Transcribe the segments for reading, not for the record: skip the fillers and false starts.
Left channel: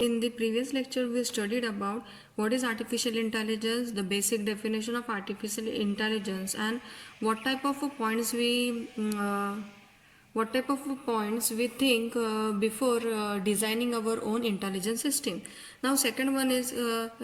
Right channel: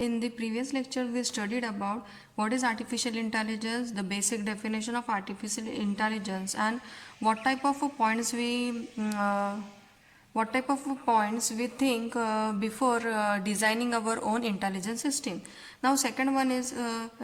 In the previous lecture, we studied about what is artificial intelligence, the basic definition of artificial intelligence, and what type of points we think before designing our own intelligence system. Now, second one is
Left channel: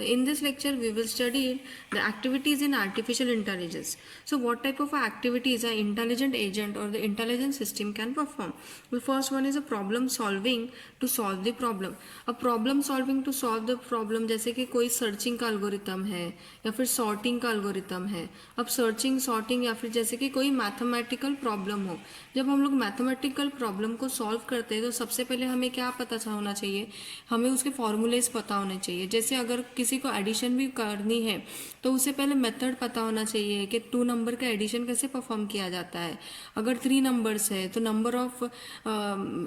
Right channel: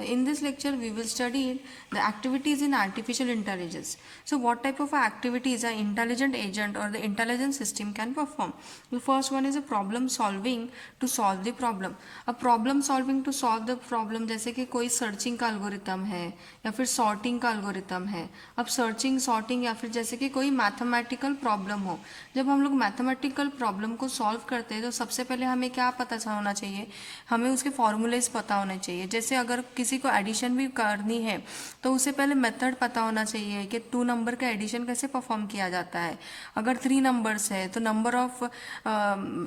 in this lecture we will study the activities in artificial intelligence. So, what type of activities an intelligent agent or the intelligent system can perform? The first one is a problem solving to solve the problem. A problem solving to solve the problem, जैसे कि कोई searching का algorithm है या फिर sorting का algorithm है. अब सर्चिंग सॉर्टिंग या फिर जैसे कि कोई मैथमेटिकल प्रॉब्लम हो, जब हम लोग मैथमेटिकल प्रॉब्लम को सॉल्व करते हैं तो सबसे पहले हमें क्या पता होना चाहिए, हमें उसके फॉर्मूलेज पता होने चाहिए. जैसे अगर किसी को एडिशन भी करनी है तो उसे पहले मेथड पता होना चाहिए कि 2 नंबर का एडिशन कैसे परफॉर्म किया जाता है. अगर 3 नंबर्स है तो नंबर ऑफ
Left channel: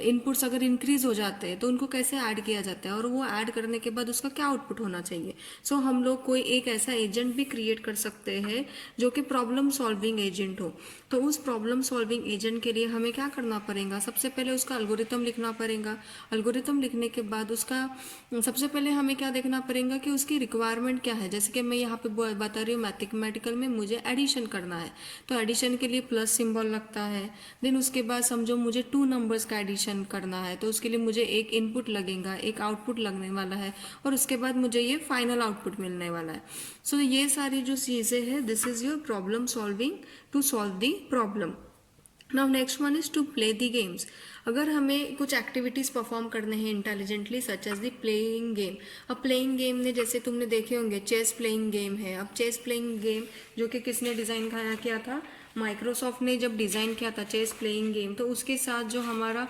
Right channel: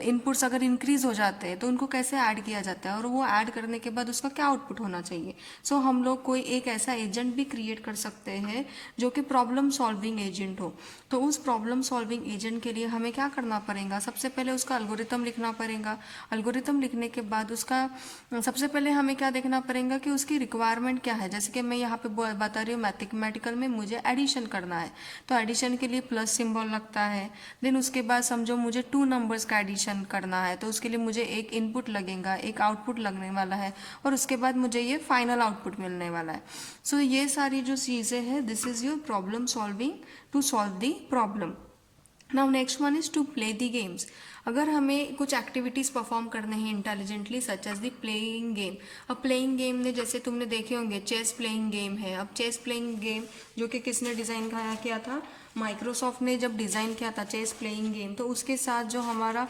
इनपुट्स अगर इंक्रीज हो जाते हैं तो उनको कैसे ऐड किया जाता है और वो ऐड करने के बाद उसका क्या आउटपुट होना चाहिए. सो हम लोग कोई एक ऐसा एजेंट भी क्रिएट कर सकते हैं जो कि प्रॉब्लम सॉल्विंग एजेंट हो. तो उस प्रॉब्लम सॉल्विंग एजेंट के लिए हमें क्या करना पड़ेगा, सबसे पहले उसका एल्गोरिथम लिखना पड़ेगा. एल्गोरिथम लिखने के बाद उसका सबसे पहले हमें क्या देखना पड़ेगा कि उसकी रिक्वायरमेंट क्या है. जैसे कि मैं यहाँ पे बता रही हूँ मैथमेटिकल में मुझे एडिशन करना है तो एडिशन के लिए प्लस सिंबल लगता है. देन उसके बाद समझो मुझे 2 नंबर्स का एडिशन करना है तो उसके लिए मुझे एक इनपुट लगेगा, एक आउटपुट लगने वाला है और उसके बाद मुझे ये फाइनल आउटपुट मिलने वाला है. सो ये सारी जो चीज़ें हैं, this is your problem solving to solve the problem. Now next one is to play the games. अगर हमें कुछ एक्टिविटीज़ परफॉर्म करने हैं intelligently such as the playing game. अब प्लेइंग गेम में जैसे तुमने देखे होंगे चेस प्लेइंग गेम है. अब चेस प्लेइंग गेम जो कि किसने डिज़ाइन किया था, माइक्रोसॉफ्ट ने जब डिज़ाइन किया था चेस प्लेइंग गेम, तो उसके साथ जो हमारा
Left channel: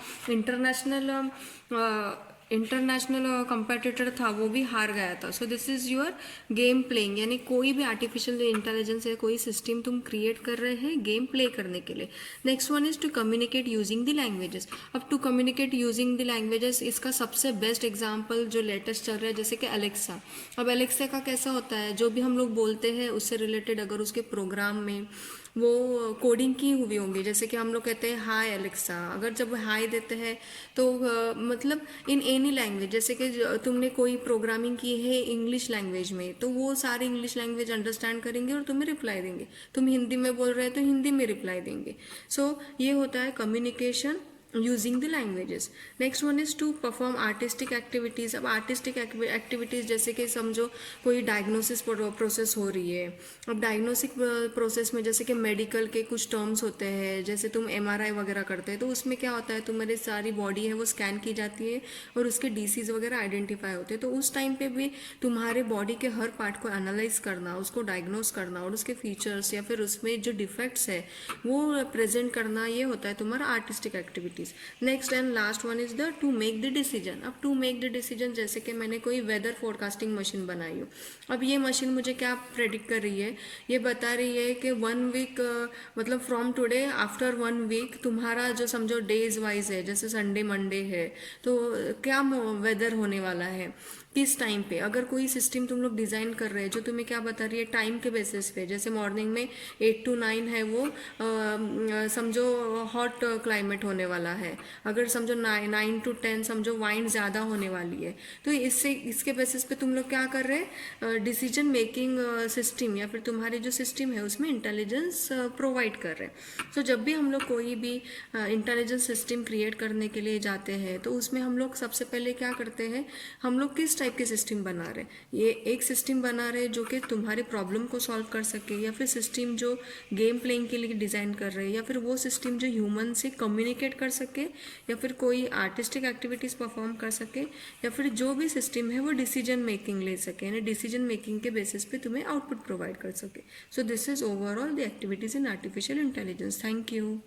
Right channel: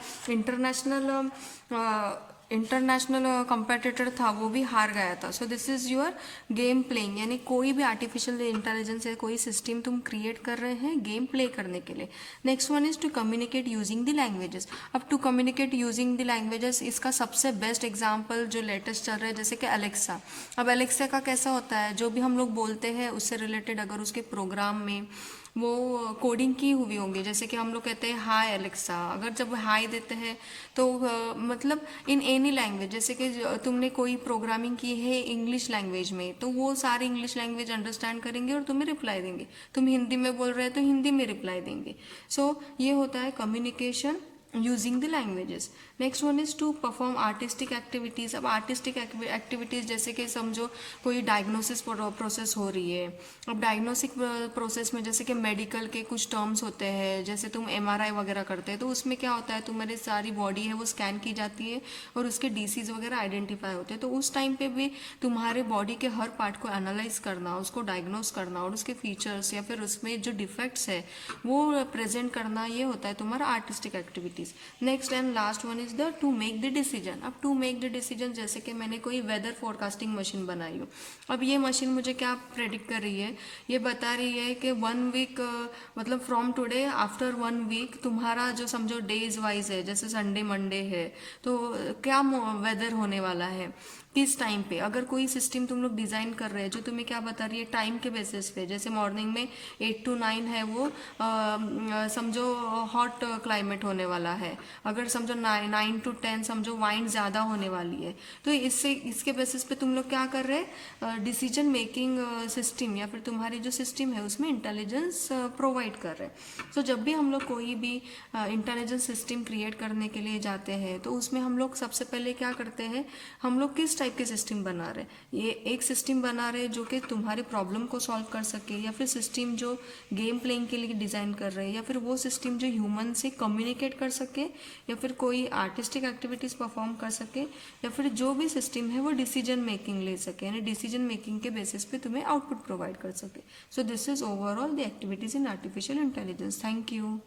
इंटरनेशनल कंपेटिटर था वो भी हार गया था. So this is your game playing. यानी कोई भी आर्टिफिशियल इंटेलिजेंस है, कोई सिस्टम तुम क्रिएट कर रहे हैं गेम प्ले करने के लिए. Next one is to communicate using the languages. अब to communicate using the languages, इसका सबसे बेस्ट एग्जाम्पल जो लेटेस्ट चल रहा है जैसे कि अलेक्सा. अब अलेक्सा का कैसा होता है, जो भी हम लोग बोलते हैं उससे रिलेटेड अगर उसके प्रोग्राम में वो कोडिंग की हुई होंगी, जैसे कि हम लोग कहते हैं हाय एलेक्सा, अगर जब हाय देते हैं तो मतलब इन एनी लैंग्वेज, जैसे कि तुमने कोई प्रोग्रामिंग की है इंग्लिश लैंग्वेज में तो वो सारी इंग्लिश लैंग्वेज अंडरस्टैंड करेंगे और तुम्हें रिप्लाई देंगे. तुम हिंदी में बोल रहे हो तो हिंदी में रिप्लाई देंगे. सो ये होता है communication using the languages. Next one is to perform artistic activities. अब आर्टिस्टिक एक्टिविटीज़ जैसे कि समझो कोई डायग्नोसिस प्रोसेस हो रही है. अब डायग्नोस्टिक प्रोसेस में जैसे कि मेडिकल के कुछ टर्म्स होते हैं, जैसे तुम MRI वगैरह करते हैं तो उसमें क्या होता है, तुम्हारी सारी बॉडी है वो स्कैन की जाती है और उसके डिसीज़ वगैरह आइडेंटिफाई होते हैं. तो उस टाइम पे भी तुम्हारे बॉडी के हर पार्ट को एनालाइज करना, उसको डायग्नोस करना और उसके फीचर्स या फिर उसमें जो डिफेक्ट्स है वो प्रेजेंट करना, ये होता है तुम्हारा artistic activity. Next and last one is the two make the decision. अब टू मेक द डिसीजन जैसे कि मैंने कोई वेदर फोरकास्टिंग मशीन बनाई हो. अब ये मशीन मुझे क्या प्रेडिक्ट कर रही है, ये बता रही है कि 1 वीक मतलब फ्रॉम टुडे आफ्टर 1 वीक तुम्हारा जो समझो डेज वाइज है, जैसे संडे मंडे है तो क्या वेदर होने वाला है किस टाइम पे. अगर कोई सिस्टम तुम लोग डिज़ाइन कर रहे हैं जो तुम्हें क्या बता रही है टाइम के बेसिस पे, जैसे मॉर्निंग में 8 to 9 है वो समझो हॉट क्लाइमेट होने वाला है. अगर समझो 9 to 10 समझो वाइंड ज़्यादा होने वाली है, तो इसके बेसिस पे तुम लोग क्या कर रहे हैं, डिसीजन मेकिंग सिस्टम या फिर तुम्हारी जो सिस्टम है उसमें इंटेलिजेंस प्रोवाइड कर रहे हैं. सो जब भी हम लोग कोई भी इंटेलिजेंस सिस्टम क्रिएट करने के लिए जाते हैं तो उसमें हम लोग सबसे पहले क्या करते हैं, हम लोग किस टाइप के सिस्टम बना रहे हैं. ये एक सिस्टम बना रहे हैं जो कि तुम्हारे प्रॉब्लम को सॉल्व कर सके, या फिर सिस्टम जो गेम प्लेइंग के लिए डिज़ाइन कर रहे हैं, या फिर वो सिस्टम जो ह्यूमन से कम्युनिकेट कर सके, या फिर कोई आर्टिस्टिक एक्टिविटीज़ परफॉर्म कर सके, या फिर जो भी सिस्टम है वो डिसीजन मेकिंग ले सके, यानी डिसीजन मेकिंग के बेसिस पे तुम्हें आउटपुट प्रोवाइड कर सके. So this is overall the activities in artificial intelligence. Thank you.